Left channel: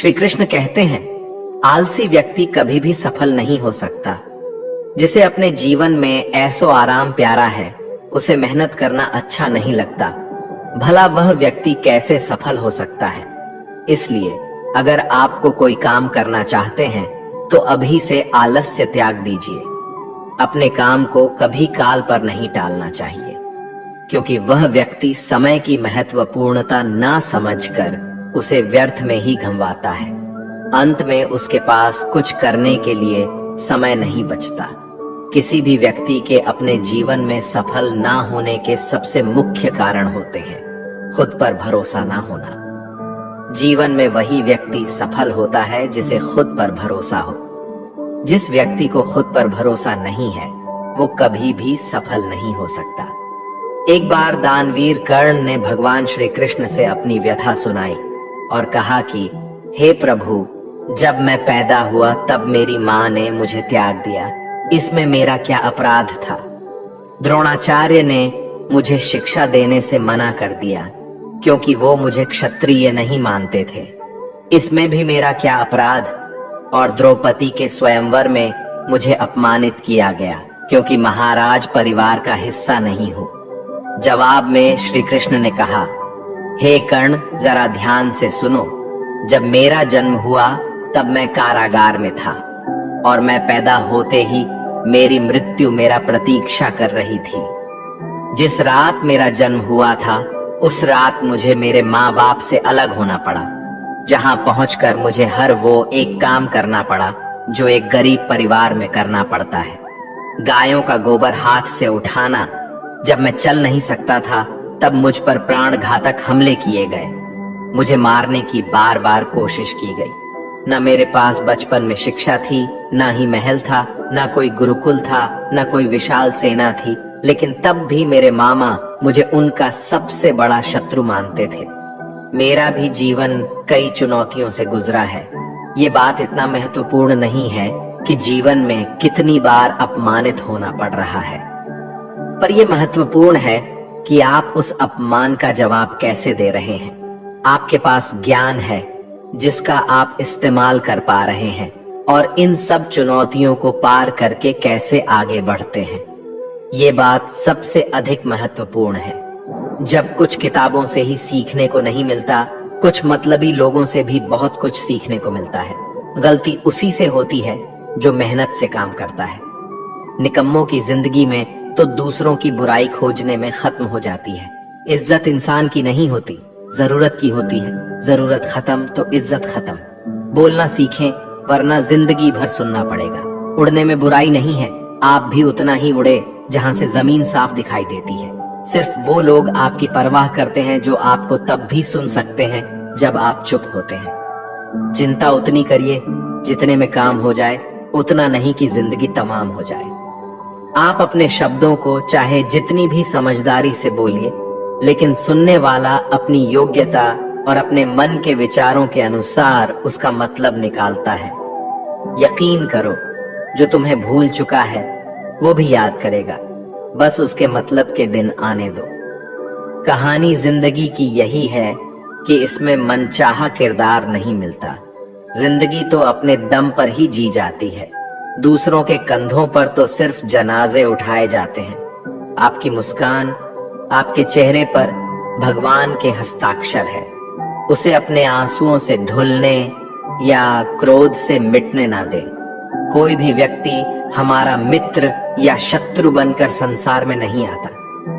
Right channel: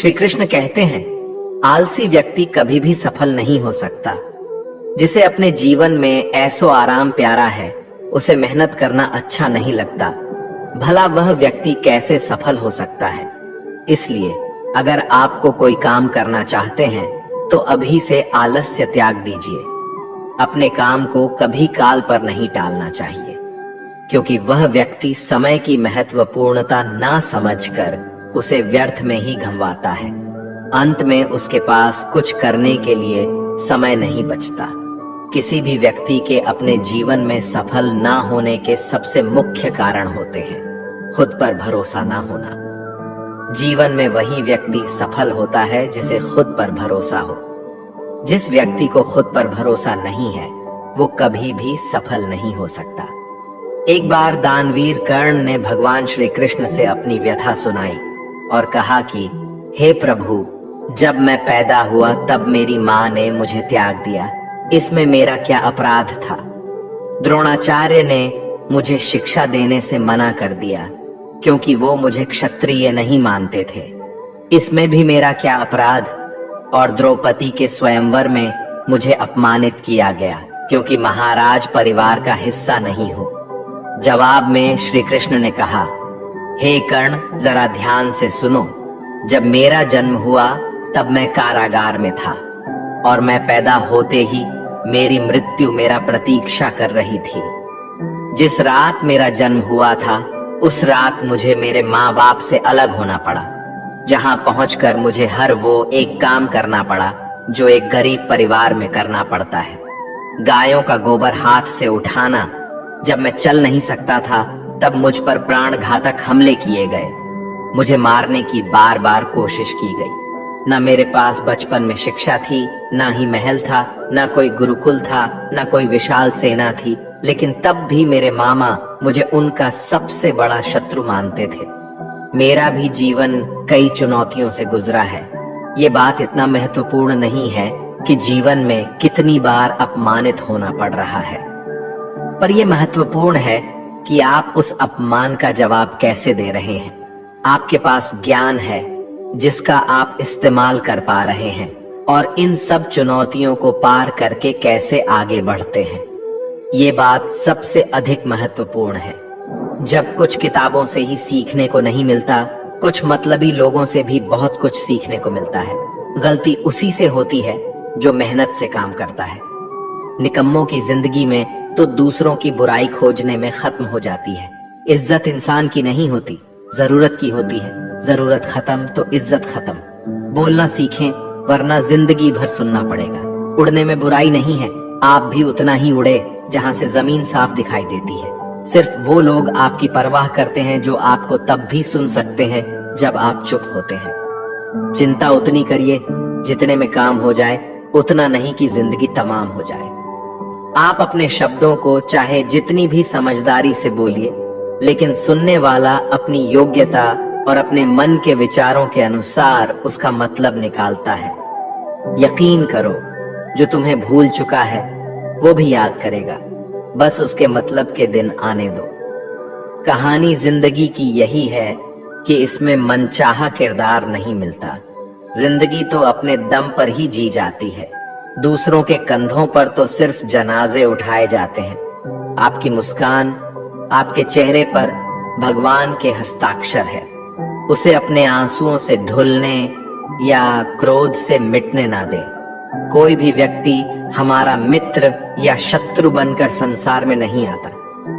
श्री कृष्ण कहते हैं, आलसी व्यक्ति कभी भी सफल नहीं हो सकता। जिसे अपने जीवन में ऐसो आराम प्यारा है, उसे मेहनत करना अच्छा नहीं लगता। भला वह व्यक्ति कैसे सफल हो सकता है। इसलिए अगर आपको कोई काम करना चाहते हैं तो अभी से आलस्य त्याग दीजिए। अपने काम को कभी काल पर नहीं टालना चाहिए, क्योंकि वह व्यक्ति समय की महत्वपूर्णता ना समझकर उसे व्यर्थ में ही गंवाता है। अंत में उसके पास कुछ करने के लिए समय नहीं बचता। किसी भी व्यक्ति के अपने जीवन में सफल ना होने के सबसे मुख्य कारण होते हैं खुद पर भरोसा ना होना। जीवन में वही व्यक्ति सफल होता है जिसे खुद पर भरोसा हो। जिस व्यक्ति को खुद पर भरोसा नहीं है, वो कभी भी सफल नहीं हो सकता। एक बार दानवीर कर्ण ने भगवान श्री कृष्ण से अपनी व्यथा सुनाई और कहा कि हे प्रभु, जब मैं पैदा हुआ तब मेरी माँ ने मुझे त्याग दिया। इसमें मेरा क्या अपराध था। द्रोणाचार्य ने मुझे शिक्षा देने से मना कर दिया क्योंकि वो मुझे क्षत्रिय नहीं मानते थे। इसमें भी मेरा क्या अपराध। और द्रौपदी के स्वयंवर में मुझे अपमानित किया गया क्योंकि महाराज परिवार का हिस्सा नहीं हूं। जवाब में श्री कृष्ण ने कहा, हे कर्ण, जरा ध्यान से सुनो। जब मेरा जन्म हुआ तब मैं कारागार में था और मैं पैदा होते ही मेरी मृत्यु मेरा प्रतीक्षा कर रही थी। जिस रात मेरा जन्म हुआ था उस रात मुझे मेरे माँ बाप से अलग होना पड़ा, जहाँ पहुंचकर मुझे हर वो एक काम करना पड़ा जो एक गरीब परिवार में करना पड़ता है। गायों का गोबर हाथ से उठाना। जब मैं चल नहीं सकता था तब मुझ पर प्राण घातक हमले किए गए। मुझे मारने की बार बार कोशिश की गई। न मेरे पास बचपन में शिक्षा थी, ना ही महल था, ना कोई गुरुकुल था, ना कोई विशाल सेना थी, लेकिन तब भी मेरे मामा मुझे उनका सबसे बड़ा शत्रु मानते थे। मेरा भी जीवन कई चुनौतियों से गुजरा है। ये बात इतना महत्वपूर्ण नहीं है कि जीवन में कितनी बार अपमानित होना पड़ रहा है, पर यह महत्वपूर्ण है कि आप उस अपमान का जवाब कैसे दे रहे हैं। आपके पास ज्ञान है जिसका आप इस्तेमाल कर पा रहे हैं और इन सब चुनौतियों को पार करके कैसे आगे बढ़ते हैं। ये बात सबसे अधिक महत्वपूर्ण है। जब कुछ किताबों से ही सीखने को नहीं मिलता, कुछ मतलबी लोगों से भी बहुत कुछ सीखने को मिलता है। गलती उसी से होती है जो मेहनत से काम करता है। निकम्मों की जिंदगी में तो दूसरों की बुराई खोजने में खत्म हो जाती है। इज्जत इंसान की नहीं होती, जरूरत की होती है। जरूरत खत्म तो इज्जत खत्म। बोलना सीखें, वरना जिंदगी भर सुनना पड़ेगा। उड़ने में बुराई नहीं है, आप भी उतना ही उड़े जहां से जमीन साफ दिखाई देती है। सिर्फ वो लोग आपकी परवाह करते हैं जो आपको तब भी सुन सकते हैं जब आप चुप होते हैं। चिंता उतनी करिए जितने में काम हो जाए, उतना नहीं कि जिंदगी तमाम हो जाए। आप अपने शब्दों को चाहे जितनी भी समझदारी से बोलिए, लेकिन सुनने वाला अपनी योग्यता और अपने मन के विचारों के अनुसार उसका मतलब निकालता है। यकीन करो, जो तुम्हें भूल चुका है वो भी याद करेगा, बस उसके मतलब के दिन आने दो। कहानी जिंदगी की यही है कि इसमें मनचाहा किरदार नहीं मिलता। जिंदगी तो अपने दम पर ही जी जाती है। दूसरों के कंधों पर तो सिर्फ जनाजे उठाए जाते हैं। आपकी मुस्कान, आपके चेहरे पर भगवान के हस्ताक्षर है। उसे अपने आंसुओं से धुलने या क्रोध से मिटने ना दे। कोई भी व्यक्ति हमारा मित्र या शत्रु बनकर संसार में नहीं आता।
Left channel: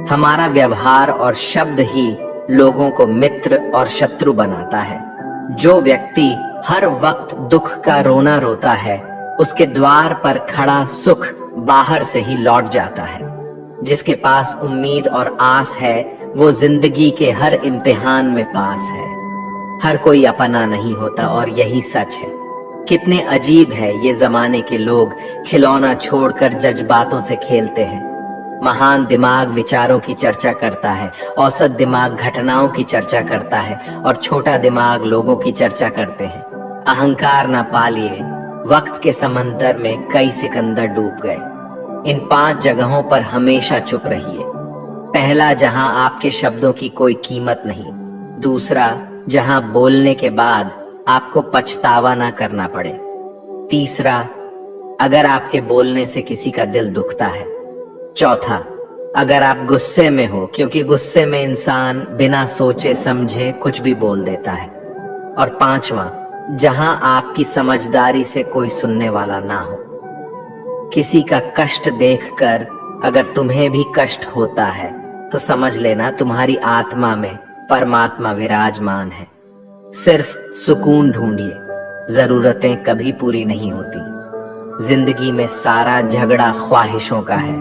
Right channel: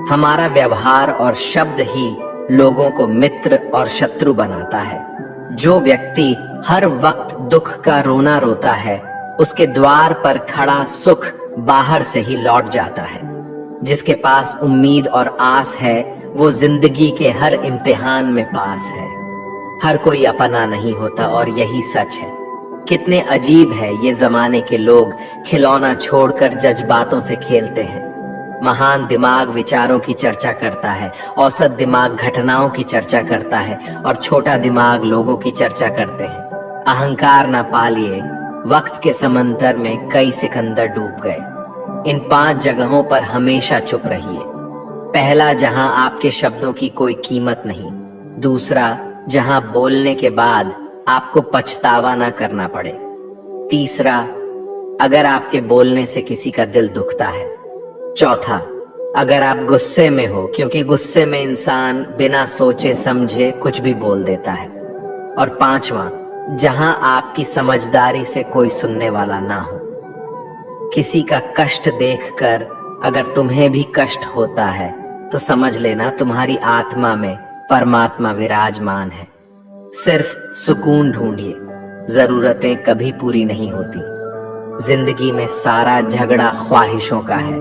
हमारा व्यवहार और शब्द ही लोगों को मित्र और शत्रु बनाता है। जो व्यक्ति हर वक्त दुख का रोना रोता है, उसके द्वार पर खड़ा सुख बाहर से ही लौट जाता है। जिसके पास उम्मीद और आस है, वो जिंदगी के हर इम्तिहान में पास है। हर कोई अपना नहीं होता और यही सच है। कितने अजीब है ये जमाने के लोग, खिलौना छोड़कर जज्बातों से खेलते हैं। महान दिमाग विचारों की चर्चा करता है, औसत दिमाग घटनाओं की चर्चा करता है और छोटा दिमाग लोगों की चर्चा करते हैं। अहंकार न पालिए, वक्त के समंदर में कई सिकंदर डूब गए। इन 5 जगहों पर हमेशा चुप रहिए। पहला, जहां आपके शब्दों की कोई कीमत नहीं। दूसरा, जहां बोलने के बाद आपको पछतावा ना करना पड़े। तीसरा, अगर आपके बोलने से किसी का दिल दुखता है। चौथा, अगर आप गुस्से में हो, क्योंकि गुस्से में इंसान बिना सोचे समझे कुछ भी बोल देता है। और पांचवा, जहां आपकी समझदारी से कोई सुनने वाला ना हो। किसी का कष्ट देखकर अगर तुम्हें भी कष्ट होता है तो समझ लेना तुम्हारी आत्मा में परमात्मा विराजमान है। सिर्फ सुकून ढूंढिए, जरूरतें कभी पूरी नहीं होती। जिंदगी में सारा झगड़ा ख्वाहिशों का है।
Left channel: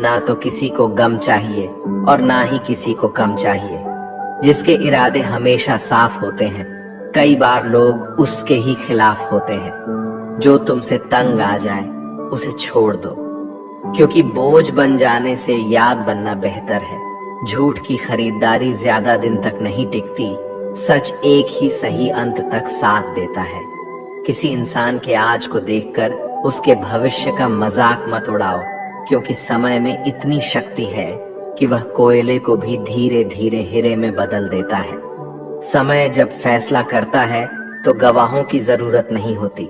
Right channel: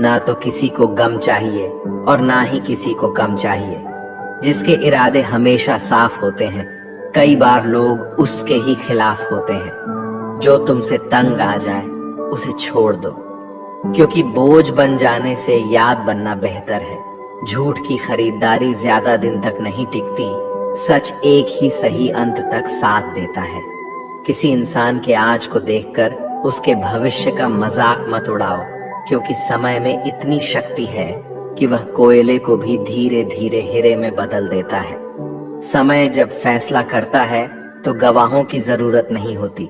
ना तो किसी को गम चाहिए और ना ही किसी को कम चाहिए। जिसके इरादे हमेशा साफ होते हैं, कई बार लोग उसके ही खिलाफ होते हैं। जो तुमसे तंग आ जाए उसे छोड़ दो, क्योंकि बोझ बन जाने से याद बनना बेहतर है। झूठ की खरीदारी ज्यादा दिन तक नहीं टिकती, सच एक ही सही अंत तक साथ देता है। किसी इंसान के आज को देखकर उसके भविष्य का मजाक मत उड़ाओ, क्योंकि समय में इतनी शक्ति है कि वह कोयले को भी धीरे धीरे हीरे में बदल देता है। समय जब फैसला करता है तो गवाहों की जरूरत नहीं होती।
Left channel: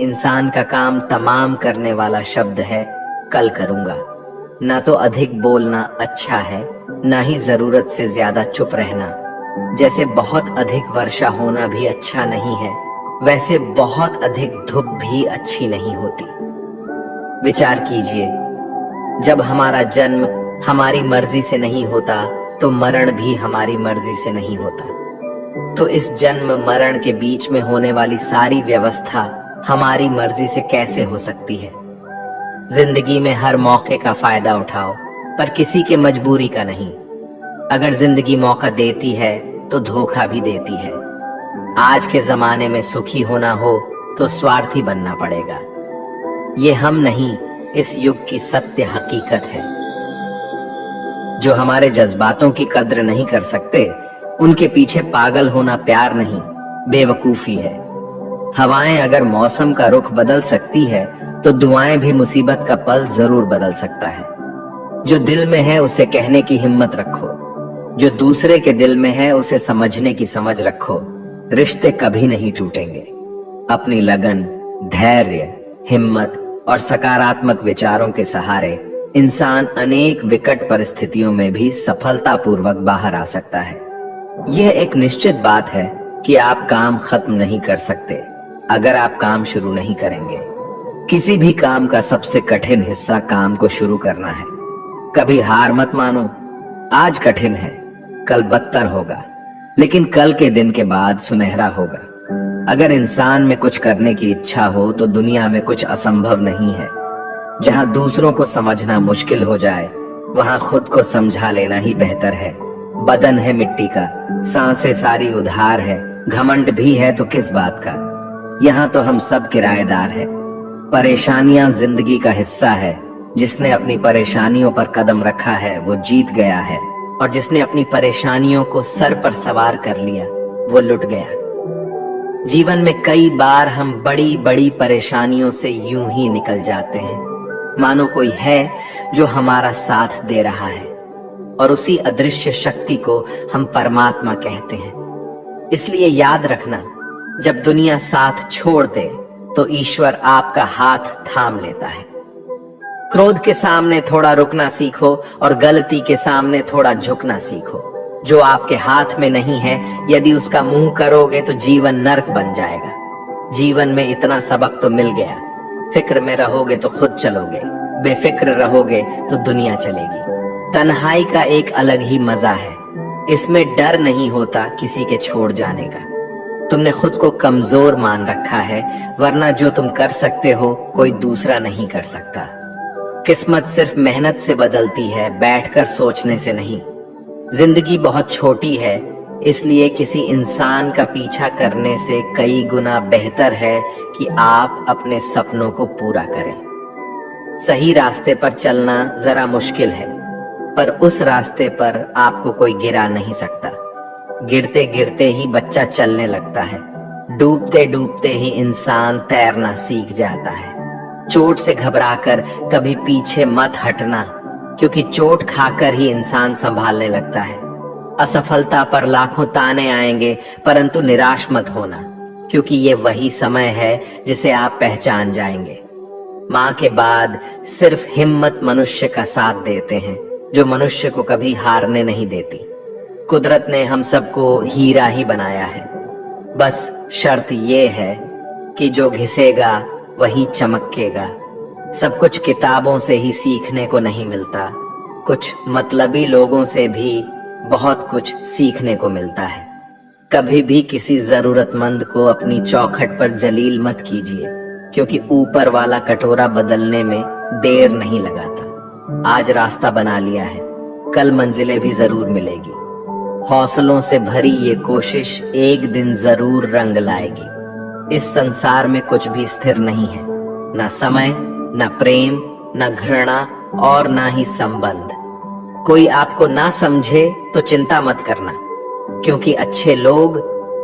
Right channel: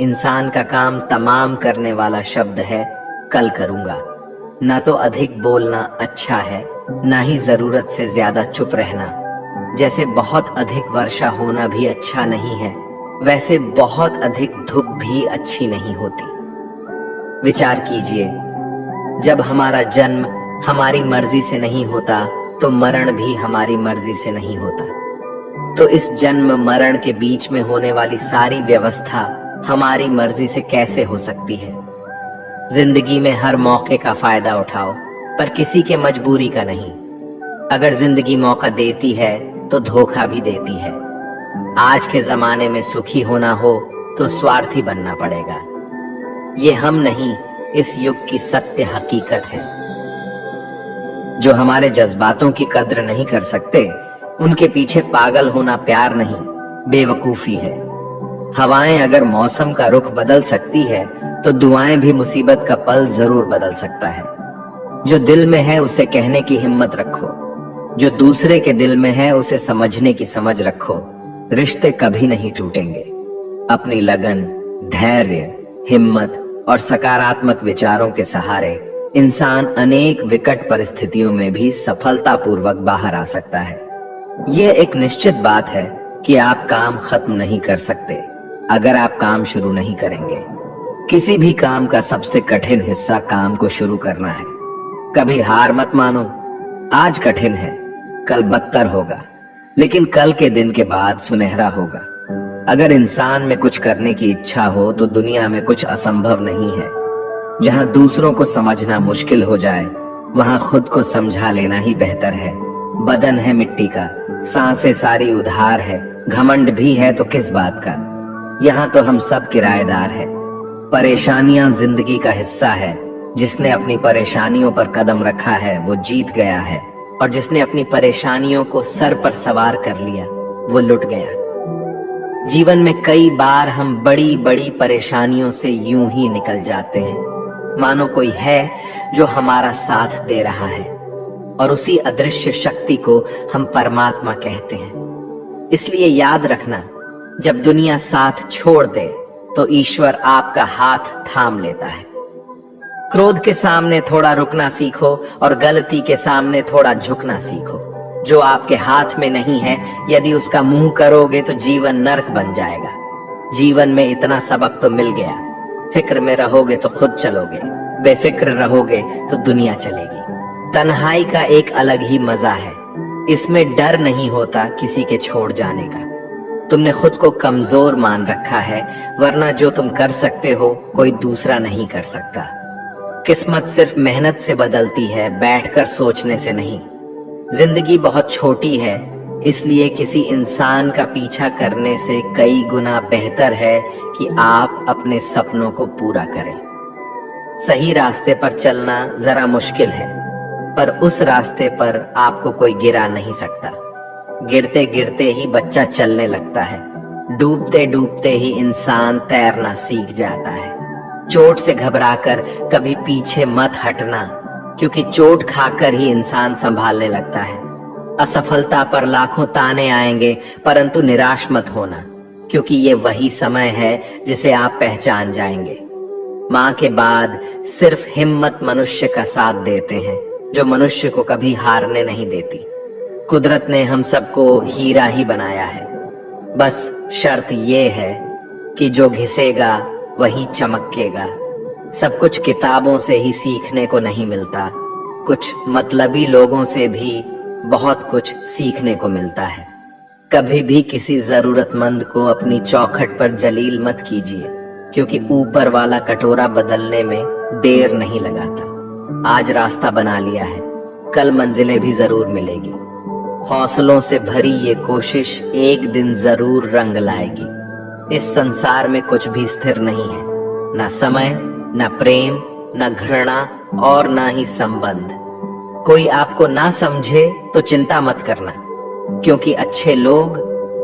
इंसान का काम तमाम करने वाला शब्द है कल करूंगा। ना तो अधिक बोलना अच्छा है, ना ही जरूरत से ज्यादा चुप रहना। जैसे बहुत अधिक वर्षा होना भी अच्छा नहीं है, वैसे बहुत अधिक धूप भी अच्छी नहीं होती। विचार कीजिए, जब हमारा जन्म हमारी मर्जी से नहीं होता तो मरण भी हमारी मर्जी से नहीं होता। तो इस जन्म मरण के बीच में होने वाली सारी व्यवस्था हमारी मर्जी से कैसे हो सकती है? जिंदगी में हर मौके का फायदा उठाओ, पर किसी के मजबूरी का नहीं। अगर जिंदगी मौका देती है तो धोखा भी देती है। आज के जमाने में सुखी होना हो तो स्वार्थी बनना पड़ेगा। ये हम नहीं, इस युग की सत्य हकीकत है। जो हमारे जज्बातों की कद्र नहीं कर सकते, उनके पीछे पागल होना प्यार नहीं, बेवकूफी है। हवाएं अगर मौसम का रुख बदल सकती है तो दुआएं भी मुसीबत का पल जरूर बदल सकता है। जो दिल में है उसे कहने की हिम्मत रखो, जो दूसरे के दिल में है उसे समझने की समझ रखो। रिश्ते कभी नहीं टूटेंगे। अपनी लगन, धैर्य, हिम्मत और सकारात्मक विचारों के सहारे इंसान अनेक विकट परिस्थितियों में भी सफलतापूर्वक बाहर आ सकता है। यह एक निश्चित बात है कि आप काम खत्म नहीं कर सकते अगर आप काम शुरू नहीं करेंगे। किसी भी काम का सबसे कठिन हिस्सा काम को शुरू करना है। कभी हार मत मानो। आज कठिन है, कल बदतर होगा, लेकिन कल के दिन के बाद सुनहरा होगा। अगर इंसान में कुछ करने की इच्छा हो तो दुनिया में कुछ असंभव नहीं है। जहां दूसरों को समझना मुश्किल हो जाए, वहां खुद को समझा लेना ही बेहतर है। बदन है मिट्टी का, सांसें सारी उधार है, घमंड भी है तो किस बात का। यहाँ तो हम सब किराएदार हैं। परेशानियां जिंदगी का हिस्सा है। जिसने अपनी परेशानियों पर कदम रखा है वो जीत गया है, और जिसने अपनी परेशानियों को सर पर सवार कर लिया वो लुट गया। जीवन में कई बार हम बड़ी बड़ी परेशानियों से यूं ही निकल जाते हैं, मानो कोई है जो हमारा साथ दे रहा है, और उसी अदृश्य शक्ति को हम परमात्मा कहते हैं। इसलिए याद रखना, जब दुनिया साथ छोड़ दे तो ईश्वर आपका हाथ थाम लेता है। क्रोध के सामने थोड़ा रुकना सीखो और गलती के सामने थोड़ा झुकना सीखो। जो आपके हाथ में नहीं है, यदि उसका मुंह करोगे तो जीवन नर्क बन जाएगा। जीवन में इतना सबक तो मिल गया। फिक्र में रहोगे तो खुद चलोगे, बेफिक्र रहोगे तो दुनिया चलेगी। तन्हाई का एक अलग ही मजा है। इसमें डर नहीं होता किसी के छोड़ जाने का। तुमने खुद को कमजोर मान रखा है, वरना जो तुम कर सकते हो कोई दूसरा नहीं कर सकता। किस्मत सिर्फ मेहनत से बदलती है, बैठकर सोचने से नहीं। जिंदगी बहुत छोटी है, इसलिए किसी इंसान का पीछा करने से कई गुना बेहतर है कि आप अपने सपनों को पूरा करें। सही रास्ते पर चलना जरा मुश्किल है, पर उस रास्ते पर आपको कोई गिरा नहीं सकता। गिरते गिरते ही बच्चा चलने लगता है, डूबते डूबते ही इंसान तैरना सीख जाता है। चोट से घबराकर कभी पीछे मत हटना, क्योंकि चोट खाकर ही इंसान संभालने लगता है। असफलता पर लाखों ताने आएंगे, परंतु निराश मत होना। क्योंकि ये वही समय है जिसे आप पहचान जाएंगे। माँ के बाद सिर्फ हिम्मत मनुष्य का साथ देते हैं, जो मनुष्य को कभी हारने नहीं देती। कुदरत ने हम सबको हीरा ही बनाया है, बस शर्त ये है कि जो घिसेगा वही चमकेगा। सब कुछ किताबों से ही सीखने को नहीं मिलता, कुछ मतलबी लोगों से भी बहुत कुछ सीखने को मिलता है। कभी भी किसी जरूरतमंद को अपनी चौखट पर जलील मत कीजिए, क्योंकि ऊपर वाला कटोरा बदलने में देर नहीं लगाता। आज रास्ता बना लिया है, कल मंजिलें भी जरूर मिलेगी। हौसलों से भरी ये कोशिश एक दिन जरूर रंग लाएगी। इस संसार में कुछ भी स्थिर नहीं है, ना समय, ना प्रेम, ना घृणा और ना ही संबंध। कोई आपको ना समझे तो चिंता मत करना, क्योंकि अच्छे लोग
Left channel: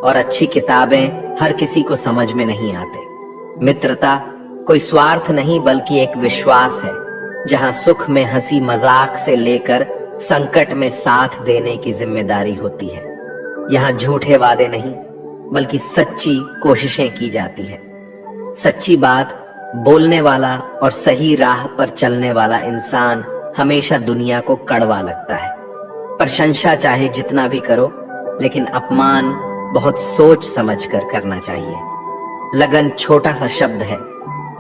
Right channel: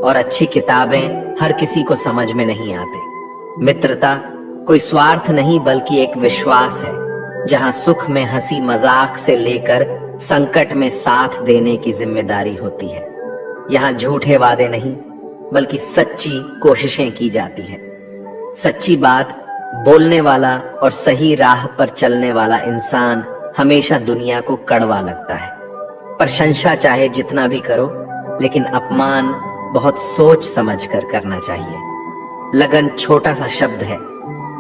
और अच्छी किताबें हर किसी को समझ में नहीं आते। मित्रता कोई स्वार्थ नहीं बल्कि एक विश्वास है, जहां सुख में हंसी मजाक से लेकर संकट में साथ देने की जिम्मेदारी होती है। यहाँ झूठे वादे नहीं बल्कि सच्ची कोशिशें की जाती है। सच्ची बात बोलने वाला और सही राह पर चलने वाला इंसान हमेशा दुनिया को कड़वा लगता है। प्रशंसा चाहे जितना भी करो, लेकिन अपमान बहुत सोच समझ कर करना चाहिए। लगन छोटा सा शब्द है,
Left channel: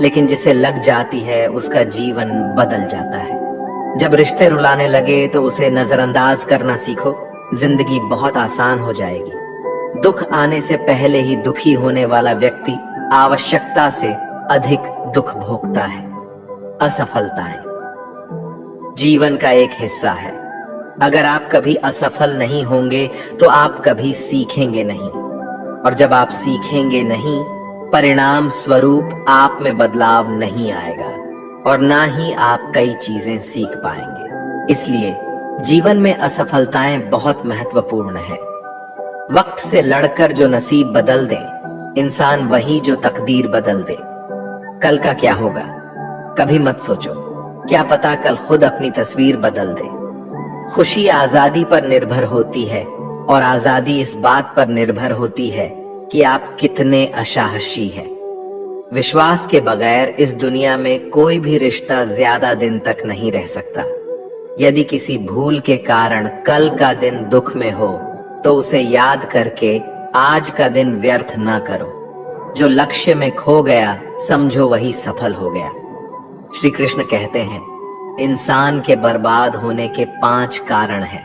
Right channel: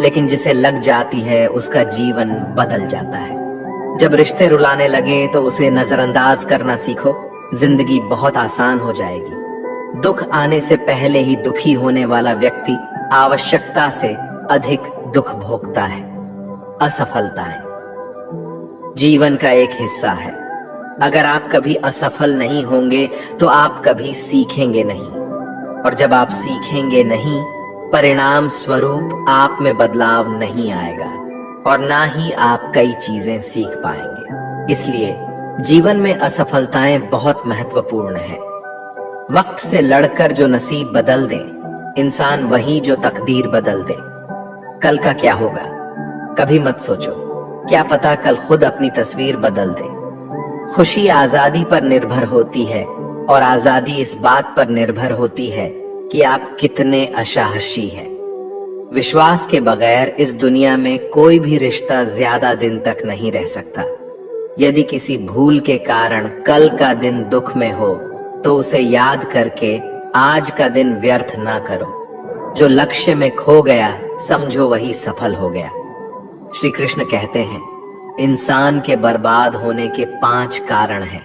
लेकिन जिसे लग जाती है उसका जीवन बदल जाता है। जब रिश्ते रुलाने लगे तो उसे नजरअंदाज करना सीखो, जिंदगी बहुत आसान हो जाएगी। दुख आने से पहले ही दुखी होने वाला व्यक्ति आवश्यकता से अधिक दुख भोगता है। असफलताएं जीवन का एक हिस्सा है। अगर आप कभी असफल नहीं होंगे तो आप कभी सीखेंगे नहीं, और जब आप सीखेंगे नहीं, परिणाम स्वरूप आप में बदलाव नहीं आएगा और ना ही आप कई चीजें सीख पाएंगे। इसलिए जीवन में असफलताएं बहुत महत्वपूर्ण है। वक्त से लड़कर जो नसीब बदल दे इंसान वही जो तकदीर बदल दे। कल का क्या होगा कभी मत सोचो, क्या पता कल खुद अपनी तस्वीर बदल दे। खुशी आजादी पर निर्भर होती है और आजादी इस बात पर निर्भर होती है कि आप कितने असाहसी हैं। विश्वास के बगैर इस दुनिया में कोई भी रिश्ता ज्यादा दिन तक नहीं रह सकता। यदि किसी भूल के कारण कल का दिन दुख में हो तो उसे याद करके आज का दिन व्यर्थ ना करो। जो लक्ष्य में खो गया समझो वही सफल हो गया। श्री कृष्ण कहते हैं, इंसान के बर्बाद होने के 5 कारण हैं:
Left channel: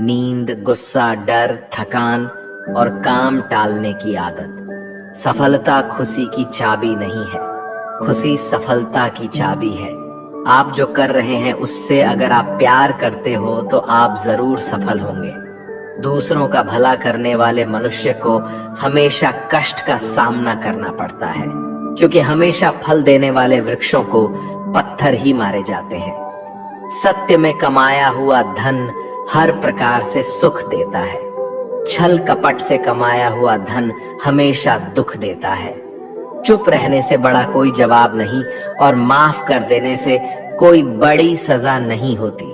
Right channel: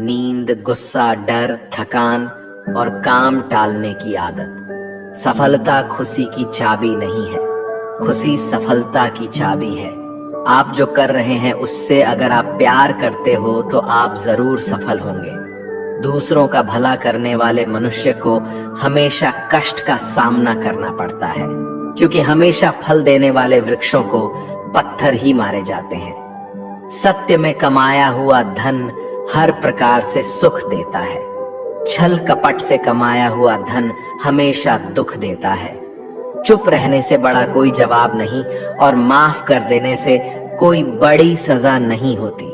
नींद, गुस्सा, डर, थकान और काम टालने की आदत। सफलता खुशी की चाबी नहीं है, खुशी सफलता की चाबी है। आप जो कर रहे हैं उससे अगर आप प्यार करते हो तो आप जरूर सफल होंगे। दूसरों का भला करने वाले मनुष्य को हमेशा कष्ट का सामना करना पड़ता है, क्योंकि हमेशा फल देने वाले वृक्षों को पत्थर ही मारे जाते हैं। सत्य में कमाया हुआ धन हर प्रकार से सुख देता है। छल कपट से कमाया हुआ धन हमेशा दुख देता है। चुप रहने से बड़ा कोई जवाब नहीं और माफ कर देने से कोई बड़ी सजा नहीं होती।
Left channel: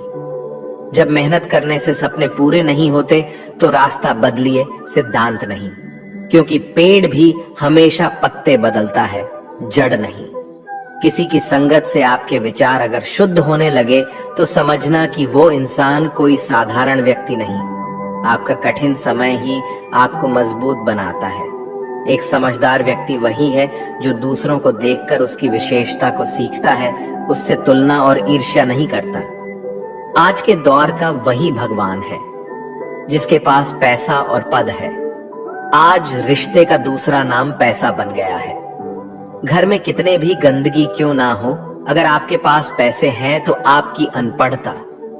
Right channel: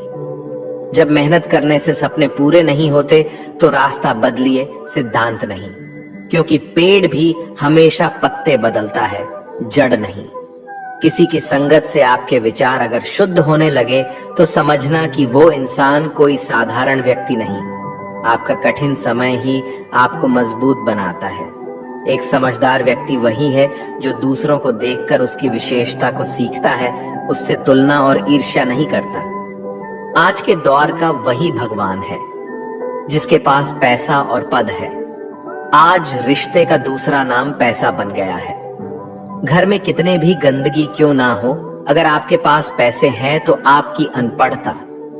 जब मेहनत करने से सपने पूरे नहीं होते तो रास्ता बदलिए, सिद्धांत नहीं, क्योंकि पेड़ भी हमेशा पत्ते बदलता है, जड़ नहीं। किसी की संगत से आपके विचार अगर शुद्ध होने लगे तो समझना कि वो इंसान कोई साधारण व्यक्ति नहीं। आपका कठिन समय ही आपको मजबूत बनाता है। एक समझदार व्यक्ति वही है जो दूसरों को देखकर उसकी विशेषता को सीखता है, उससे तुलना और ईर्ष्या नहीं करता। आज के दौर का वही भगवान है जिसके पास पैसा और पद है। आज रिश्ते का दूसरा नाम पैसा बन गया है। घर में कितने भी गंदगी क्यों ना हो, अगर आपके पास पैसे हैं तो आपकी अनपढ़ता,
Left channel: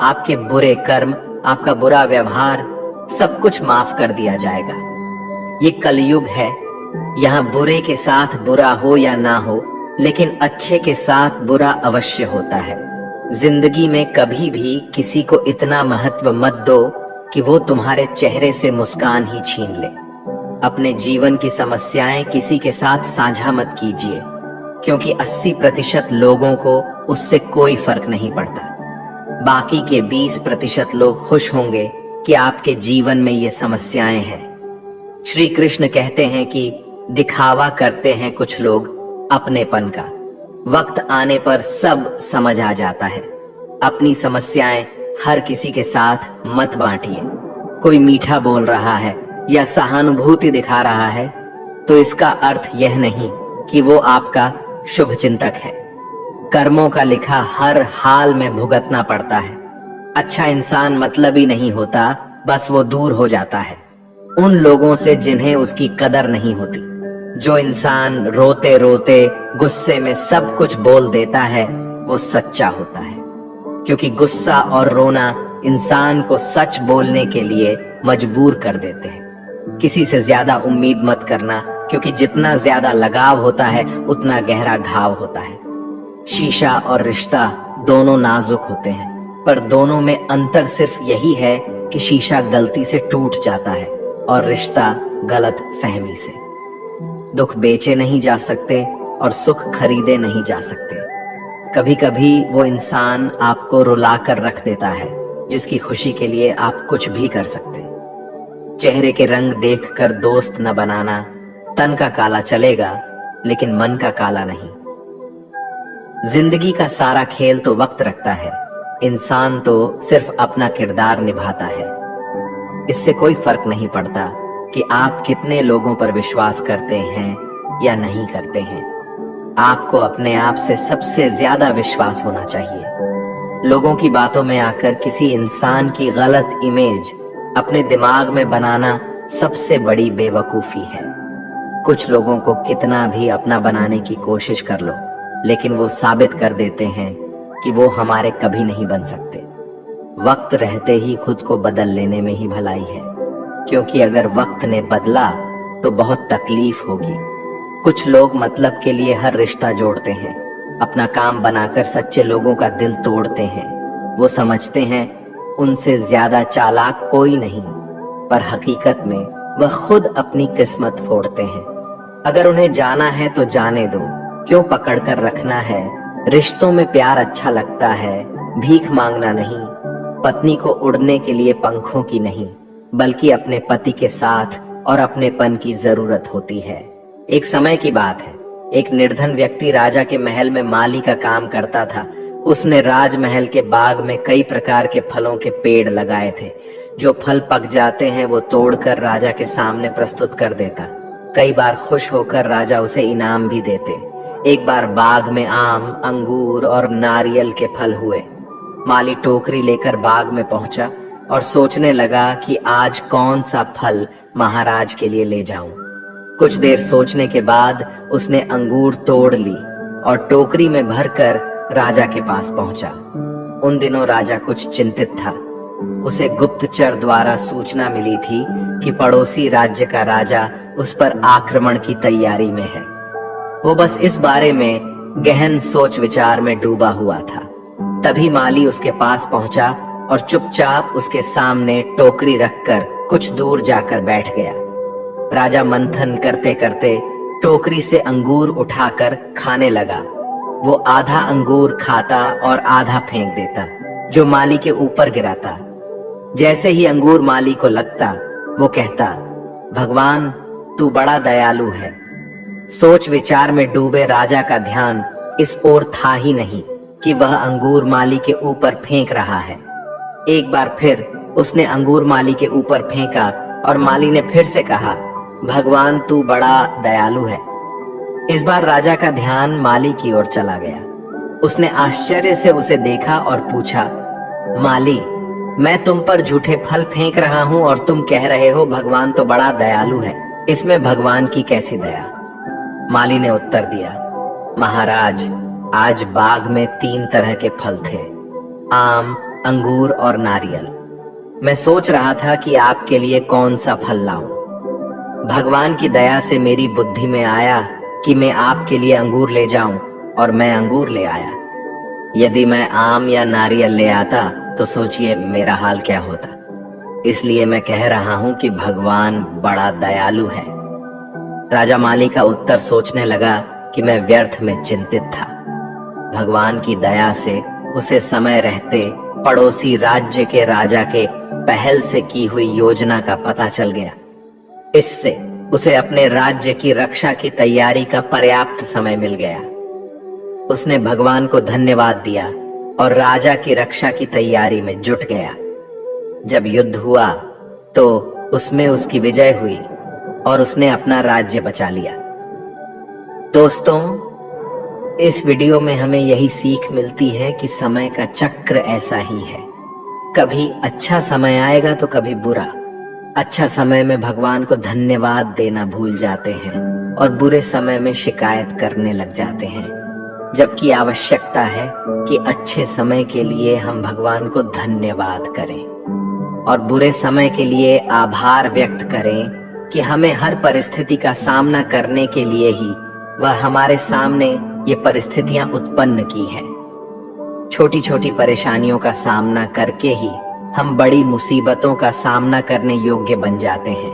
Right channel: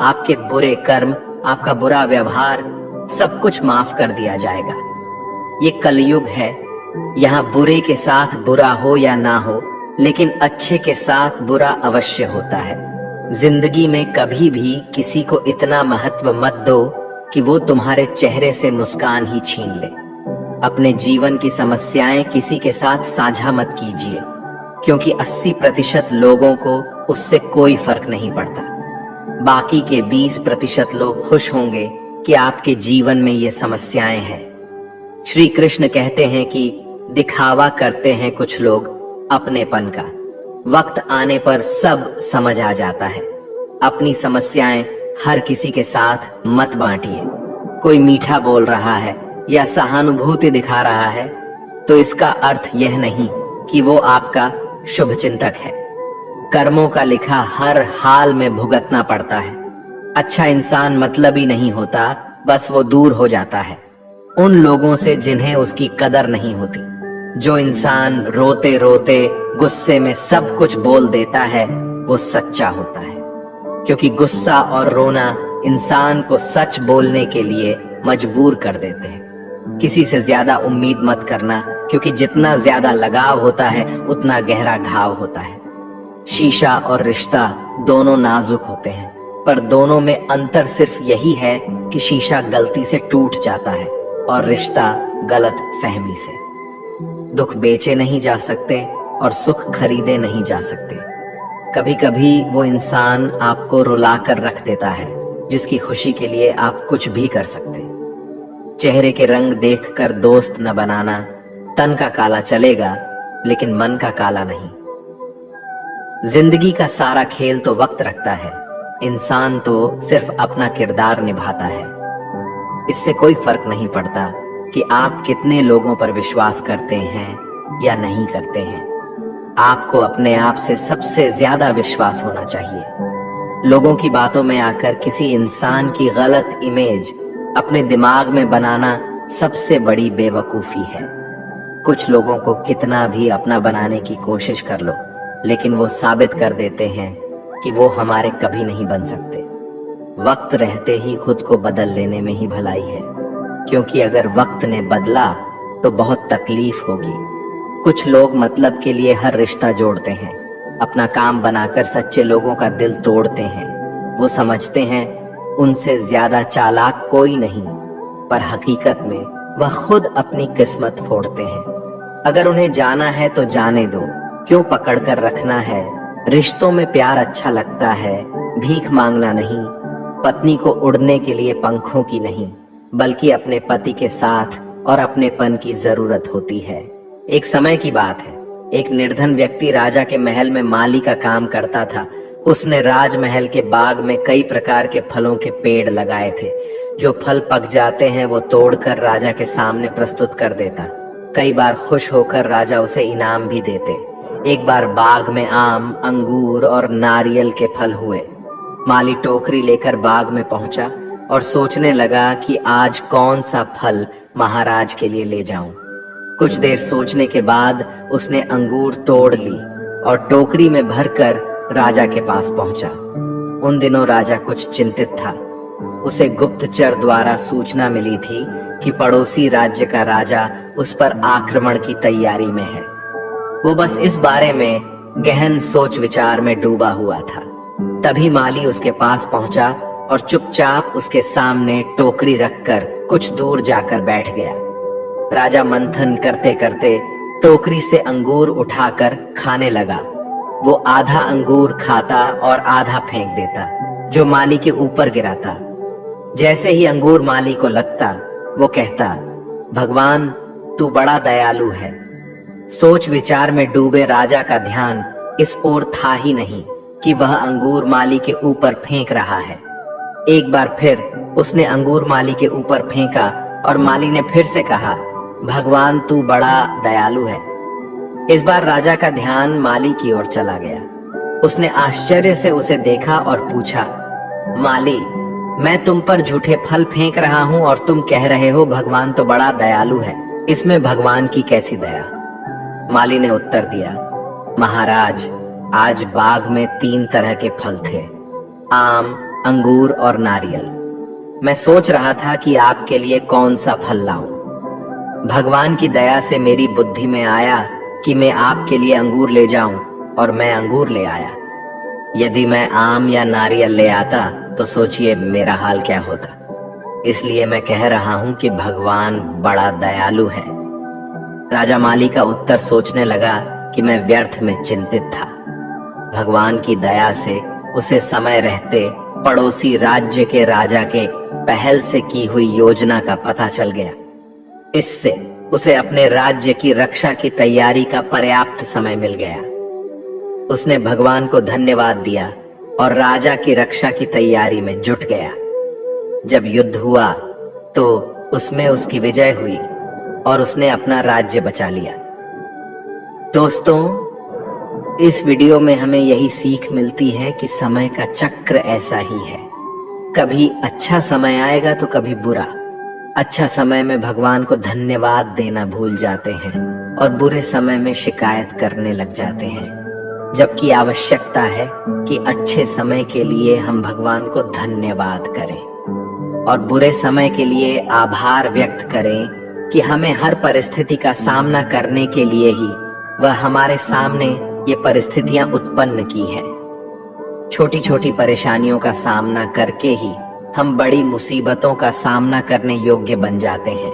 आपके बुरे कर्म, आपका बुरा व्यवहार सब कुछ माफ कर दिया जाएगा। ये कलयुग है, यहाँ बुरे के साथ बुरा हो या ना हो, लेकिन अच्छे के साथ बुरा अवश्य होता है। जिंदगी में कभी भी किसी को इतना महत्व मत दो कि वो तुम्हारे चेहरे से मुस्कान ही छीन ले। अपने जीवन की समस्याएं किसी के साथ साझा मत कीजिए, क्योंकि 80% लोगों को उससे कोई फर्क नहीं पड़ता। बाकी के 20% लोग खुश होंगे कि आपके जीवन में ये समस्याएं हैं। श्री कृष्ण कहते हैं कि दिखावा करते हैं कुछ लोग अपनेपन का। वक्त आने पर सब समझ आ जाता है। अपनी समस्याएं हर किसी के साथ मत बांटिए। कोई मीठा बोल रहा है या सहानुभूति दिखा रहा है तो इसका अर्थ यह नहीं कि वो आपका शुभचिंतक है। कर्मों का लिखा हर हाल में भुगतना पड़ता है। अच्छा इंसान मतलबी नहीं होता, बस वो दूर हो जाता है उन लोगों से जिन्हें उसकी कदर नहीं होती। जो इंसान रोते रोते गुस्से में सब कुछ बोल देता है वो सच्चा होता है, क्योंकि गुस्सा और रोना इंसान को सच बोलने के लिए मजबूर कर देते हैं। किसी से ज्यादा उम्मीद मत करना, क्योंकि जितना ज्यादा लगाव होता है उतना गहरा घाव होता है। शीशा और रिश्ता दोनों नाजुक होते हैं, पर दोनों में अंतर सिर्फ यही है कि शीशा गलती से टूट जाता है और रिश्ता गलत फहमी से। दुख बेचे नहीं जा सकते और सुख खरीदे नहीं जा सकते। कभी कभी वो इंसान आपको रुला कर रख देता है जिसकी खुशी के लिए आप कुछ भी कर सकते। चेहरे के रंग देखकर दोस्त न बनाना। तन का काला चलेगा लेकिन मन का काला नहीं। जिंदगी का सारा खेल तो वक्त रखता है, इंसान तो सिर्फ अपना किरदार निभाता है। इससे कोई फर्क नहीं पड़ता कि आप कितने लोगों पर विश्वास करते हैं या नहीं करते हैं। आपको अपने आप से सबसे ज्यादा विश्वास होना चाहिए। लोगों की बातों में आकर किसी इंसान की गलत इमेज अपने दिमाग में बनाना सबसे बड़ी बेवकूफी है। कुछ लोगों को कितना भी अपना बनाने की कोशिश कर लो, लेकिन वो साबित कर देते हैं कि वो हमारे कभी नहीं बन सकते। वक्त रहते ही खुद को बदल लेने में ही भलाई है, क्योंकि अगर वक्त ने बदला तो बहुत तकलीफ होगी। कुछ लोग मतलब के लिए हर रिश्ता जोड़ते हैं, अपना काम बनाकर सच्चे लोगों का दिल तोड़ते हैं। वो समझते हैं उनसे ज्यादा चालाक कोई नहीं, पर हकीकत में वह खुद अपनी किस्मत फोड़ते हैं। अगर उन्हें जाना है तो जाने दो, क्यों पकड़ कर रखना है। रिश्तों में प्यार अच्छा लगता है, भीख मांगना नहीं। पत्नी को उड़ने के लिए पंखों की नहीं, बल्कि अपने पति के साथ और अपनेपन की जरूरत होती है। एक समय की बात है, एक निर्धन व्यक्ति राजा के महल में माली का काम करता था। उसने राजमहल के बाग में कई प्रकार के फलों के पेड़ लगाए थे। जो फल पक जाते हैं वो तोड़कर राजा के सामने प्रस्तुत कर देता। कई बार खुश होकर राजा उसे इनाम भी देते। एक बार बाग में आम, अंगूर और नारियल के फल हुए। माली टोकरी लेकर बाग में पहुंचा और सोचने लगा कि आज कौन सा फल महाराज के लिए ले जाऊं। कुछ देर सोचने के बाद उसने अंगूर तोड़ ली और टोकरी में भरकर राजा के पास पहुंचा। उन दिनों राजा कुछ चिंतित था। उसे गुप्तचर द्वारा सूचना मिली थी कि पड़ोसी राज्य का राजा उस पर आक्रमण की तैयारी में है। वो बस इस बारे में गहन सोच विचार में डूबा हुआ था। तभी माली उसके पास पहुंचा और चुपचाप उसके सामने टोकरी रखकर कुछ दूर जाकर बैठ गया। राजा मंथन करते करते टोकरी से अंगूर उठाकर खाने लगा। वो आधा अंगूर खाता और आधा फेंक देता, जो माली के ऊपर गिराता। जैसे ही अंगूर माली को लगता, वो कहता, भगवान तू बड़ा दयालु है। सोच विचार में डूबे राजा का ध्यान इस ओर था ही नहीं कि वह अंगूर माली के ऊपर फेंक रहा है। एक बार फिर उसने अंगूर माली के ऊपर फेंका और माली ने फिर से कहा, भगवान तू बड़ा दयालु है। इस बार राजा का ध्यान माली की ओर चला गया। उसने आश्चर्य से उसे देखा और पूछा, माली मैं तुम पर झूठे फल फेंक रहा हूँ और तुम कह रहे हो भगवान तो बड़ा दयालु है, इसमें भगवान की कैसी दया। माली ने उत्तर दिया, महाराज आज बाग में 3 तरह के फल थे, आम, अंगूर और नारियल। मैं सोच रहा था कि आपके लिए कौन सा फल लाऊं। भगवान की दया से मेरी बुद्धि में आया कि मैं आपके लिए अंगूर ले जाऊं और मैं अंगूर ले आया। यदि मैं आम या नारियल ले आता तो सोचिए मेरा हाल क्या होता। इसलिए मैं कह रहा हूं कि भगवान बड़ा दयालु है। राजा माली का उत्तर सोचने लगा कि मैं व्यर्थ में चिंतित था। भगवान की दया से उसे समय रहते पड़ोसी राज्य के राजा के पहल से की हुई योजना का पता चल गया। इससे उसे अपने राज्य की रक्षा की तैयारी का पर्याप्त समय मिल गया। उसने भगवान को धन्यवाद दिया और राजा की रक्षा की तैयारी में जुट गया। जब युद्ध हुआ तो उसमें उसकी विजय हुई और उसने अपना राज्य बचा लिया। दोस्तों, इस वीडियो में हमें यही सीख मिलती है कि समय का चक्र ऐसा ही है। कभी अच्छा समय आएगा तो कभी बुरा। अच्छा समय में भगवान को धन्यवाद देना भूल जाते हैं और बुरे समय में शिकायत करने लग जाते हैं, जबकि आवश्यकता है कि अच्छे समय के लिए हम भगवान को धन्यवाद करें और बुरे समय के लिए आभार व्यक्त करें कि हमें हर परिस्थिति का सामना करने के लिए ही वह हमारे सामने ये परिस्थितियां उत्पन्न की हैं। छोटी छोटी परेशानियों का सामना करके ही हम बड़ी मुसीबतों का सामना करने योग्य बन जाते हैं।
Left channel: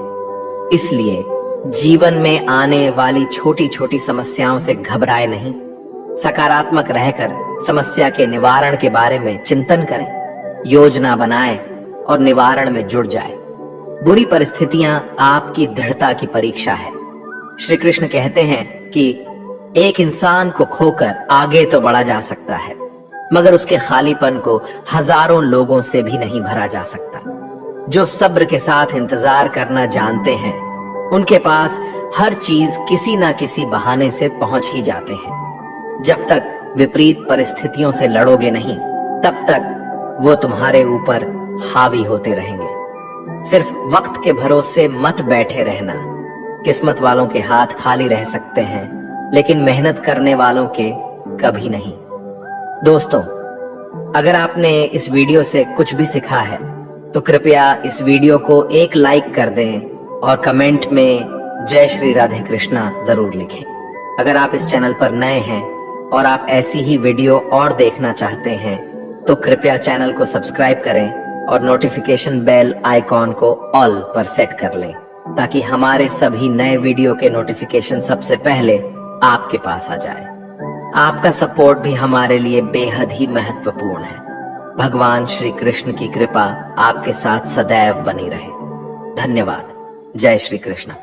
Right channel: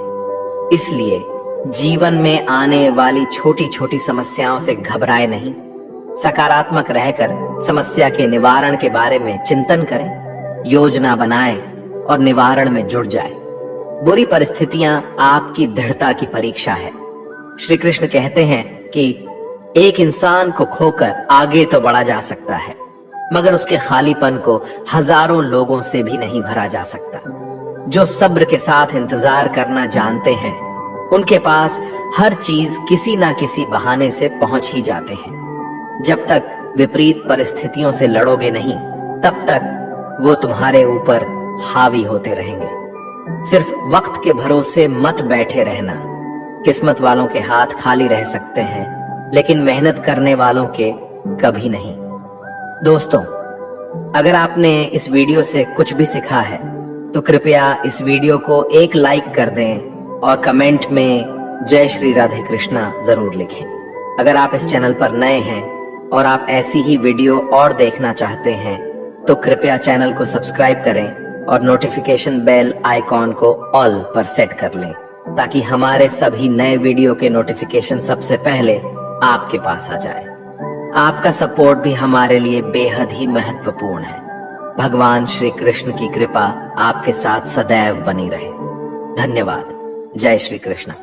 इसलिए जीवन में आने वाली छोटी छोटी समस्याओं से घबराए नहीं, सकारात्मक रहकर समस्या के निवारण के बारे में चिंतन करें, योजना बनाएं और निवारण में जुट जाएं। बुरी परिस्थितियां आपकी दृढ़ता की परीक्षा है। श्री कृष्ण कहते हैं कि एक इंसान को खोकर आगे तो बढ़ा जा सकता है, मगर उसके खालीपन को हजारों लोगों से भी नहीं भरा जा सकता। जो सब्र के साथ इंतजार करना जानते हैं, उनके पास हर चीज किसी ना किसी बहाने से पहुंच ही जाते हैं। जब तक विपरीत परिस्थितियों से लड़ोगे नहीं, तब तक वो तुम्हारे ऊपर हावी होते रहेंगे। सिर्फ वक्त के भरोसे मत बैठे रहना। किस्मत वालों के हाथ खाली रह सकते हैं, लेकिन मेहनत करने वालों के कभी नहीं। दोस्तों, अगर आपने इस वीडियो से कुछ भी सीखा है तो कृपया इस वीडियो को एक लाइक कर दें और कमेंट में जय श्री राधे कृष्णा जरूर लिखें। अगर आप इस चैनल पर नए हैं और आप ऐसी ही वीडियो और देखना चाहते हैं तो कृपया चैनल को सब्सक्राइब करें और नोटिफिकेशन बेल आइकॉन को ऑल पर सेट कर लें, ताकि हमारे सभी नए वीडियो के नोटिफिकेशन सबसे पहले आपके पास आ जाए। आपका सपोर्ट भी हमारे लिए बेहद ही महत्वपूर्ण है। भगवान श्री कृष्ण की कृपा आपके साथ सदैव बनी रहे। धन्यवाद। जय श्री कृष्ण।